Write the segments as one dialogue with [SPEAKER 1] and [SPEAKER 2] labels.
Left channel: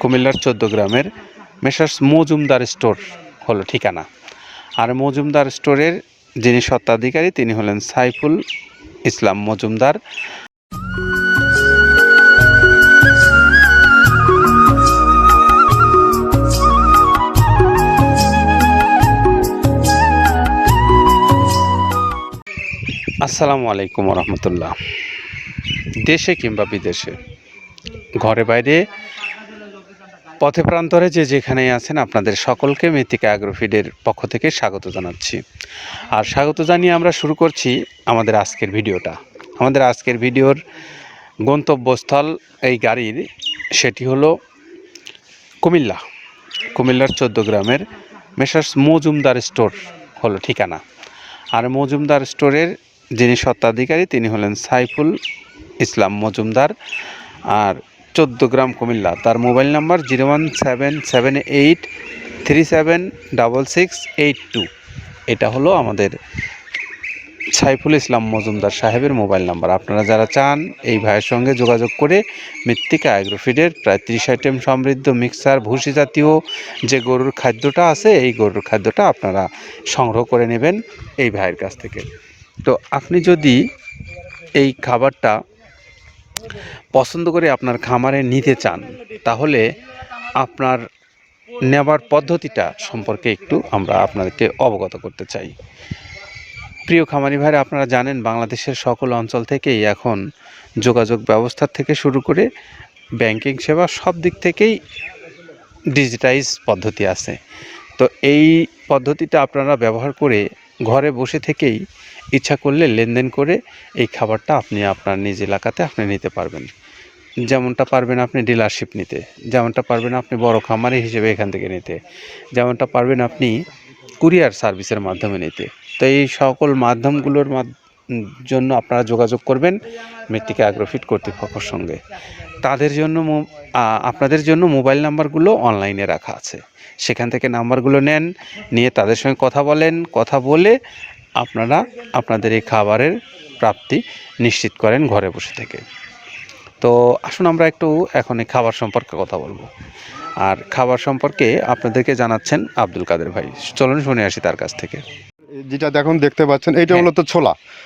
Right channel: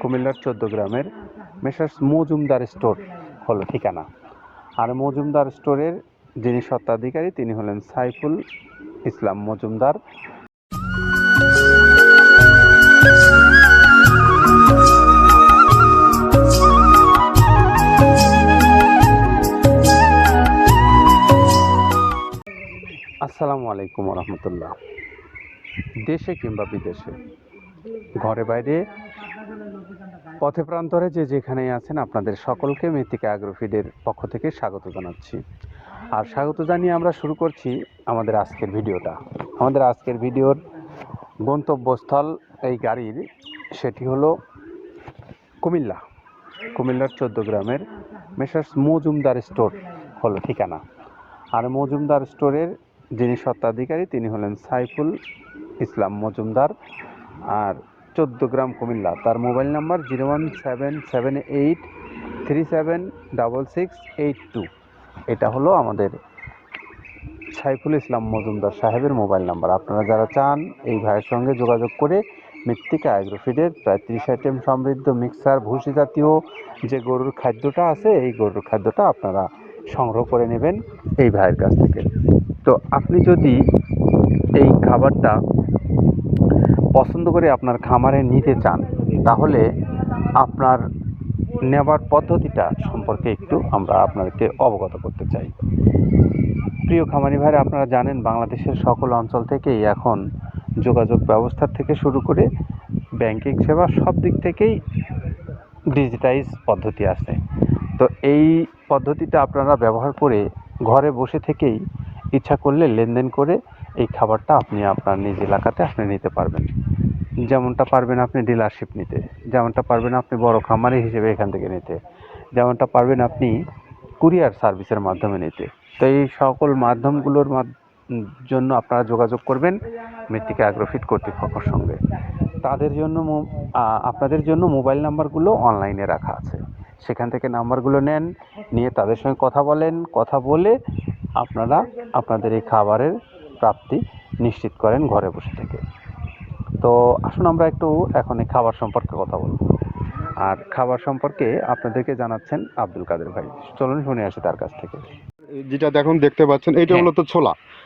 [SPEAKER 1] কুমিল্লার চোদ্দ গ্রামের মেসার্স মজুমদার স্টোর হলো ঠিকানা। আর মজুমদার স্টোরের যিনি স্বত্বাধিকারী, তিনি হলেন সাইফুল ইসলাম মজুমদার। আসসালামু আলাইকুম রহমতুল্লাহ। দেশে কিংবা বিদেশে, ঘরে বাইরে পথে প্রান্তরে যে যেখানেই আছেন আপনাদের সকলকে মৃত্তিকা অ্যাগ্রোফিডের পক্ষ থেকে স্বাগত জানাচ্ছি। আর স্বাগত জানিয়ে আমরা শুরু করছি আমাদের আজকের ভিডিওটা। আমাদের আজকের ভিডিওর গন্তব্যস্থল এই গাড়ির সেটি হলো কুমিল্লা। কুমিল্লার চোদ্দ গ্রামের মেসার্স মজুমদার স্টোর হলো ঠিকানা। আর মজুমদার স্টোরের যিনি স্বত্বাধিকারী তিনি হলেন সাইফুল ইসলাম মজুমদার। আর চোদ্দ গ্রাম কুমিল্লা। তার mobile number zero one seven seven eight three seven double six eight two. এটা হলো আমাদের সাইফুল ইসলাম মজুমদার সাহেবের মোবাইল নাম্বার। আপনারা যারা চান এই ভাইয়ের সঙ্গে যোগাযোগ করে মৃত্তিকা অ্যাগ্রোফিডের প্রায় ত্রিশ আইটেম সমৃদ্ধ মিক্সার, ভুসি জাতীয় যে গরুর খাদ্যটা আছে, এই গরুর খাদ্যটা আপনারা সংগ্রহ করে নেবেন এই ভাইয়ের কাছ থেকে। তো আপনি যদি এই খাবারটা পছন্দ করে আপনার খামারে নিতে চান, তাহলে আপনার নেবার পদ্ধতিটা সম্পর্কে একটু আমরা আপনাদেরকে অবগত করতে চাই। প্রিয় খামারি ভাইরা, আপনারা জানেন বাংলাদেশের সকল অঞ্চল থেকেই এখন যোগাযোগ ব্যবস্থা থেকে শুরু করে ব্যাংকিং সেবা সব দিক থেকেই ডিজিটাইজ পদ্ধতি আছে। তো এই পদ্ধতিটা আপনারা ব্যবহার করে ঘরে বসে থেকেই ইচ্ছা করলে লেনদেন করে এই খাবারটা আপনি আপনার নিজ এলাকাতে আপনি নিতে পারবেন। যেমনটা পারবেন আপনি ডিলারশিপ নিতে, যেমনটা পারবেন আপনি বড় খামারি হিসেবে এখান থেকে নিতে, যেমনটা পারবেন আপনি কুরিয়ার সার্ভিসের মাধ্যমে নিতে। তো এই সকল মাধ্যমগুলোর জন্য আপনারা যোগাযোগ করবেন মৃত্তিকা অ্যাগ্রোফিট কর্তৃপক্ষের সঙ্গে। তাদের জন্য আপনাদের জন্য মোবাইল নাম্বারগুলো অনলাইনে রাখা আছে। সেখান থেকে নাম্বারগুলো নেন নিয়ে তাদের সঙ্গে কথা বলেন কথা বলে আপনারা আপনাদের এই খাবারের প্রাপ্তি নিশ্চিত করেন ঘরে বসে থেকে। তো আসুন আমরা একটু এখন এই খাবার সম্পর্কে কথা বলব। আর খাবার সম্পর্কে আপনাদেরকে জানাচ্ছেন আব্দুল কাদের ভাই। চলুন শুনে আসি তার কাছ থেকে।
[SPEAKER 2] যেটা দেখুন দেখতে পাচ্ছেন এইটা
[SPEAKER 1] হলো
[SPEAKER 2] তো ছোলা।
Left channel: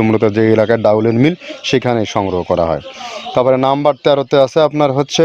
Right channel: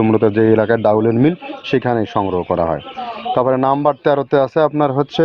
[SPEAKER 2] মূলত যে এলাকায় ডাউলের মিল, সেখানে সংগ্রহ করা হয়। তারপরে নাম্বার তেরোতে আছে আপনার হচ্ছে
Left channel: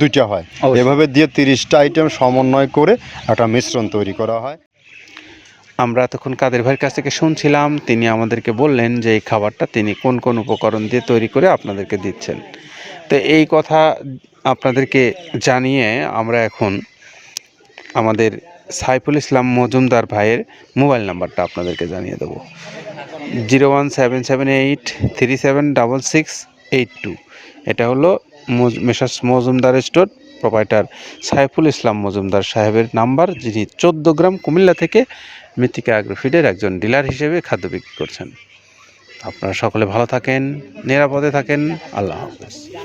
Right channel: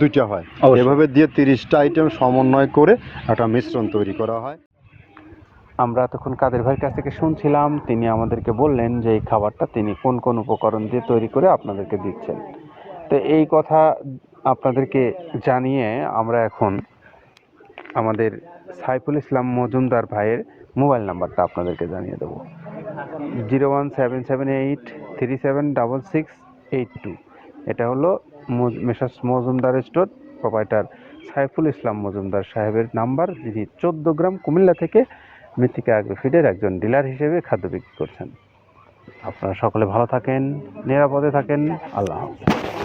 [SPEAKER 2] দুইটা হয়। এভাবে দিয়ে তিরিশটা আইটেম সমন্বয় করে একটা মিশ্রণ তৈরি করা হয়।
[SPEAKER 1] আমরা তখন কাদের ভাইয়ের কাছ থেকে শুনছিলাম তিনি আমাদেরকে বললেন যে এই খাবারটা তিনি কোন কোন উপকরণ দিয়ে তৈরি করে আপনাদেরকে দিচ্ছেন। তো এই কথা আপনাদেরকে জানিয়ে আমরা এখন আমাদের সাইফুল ইসলাম মজুমদার ভাইয়ের মোবাইল নাম্বারটা আপনাদেরকে জানিয়ে দেবো। Zero one seven seven eight three seven double six eight two. এটা হলো messrs Majumdar store proprietor Saiful Islam Majumdar সাহেবের নাম্বার, যিনি চোদ্দ গ্রাম কুমিল্লা থেকে মৃত্তিকা অ্যাগ্রোফিডের একজন ডিলার হিসেবে খাদ্য বিক্রি করছেন। আপনারা সকলে ভালো থাকেন, নিরাপদে থাকেন, আল্লাহ হাফেজ।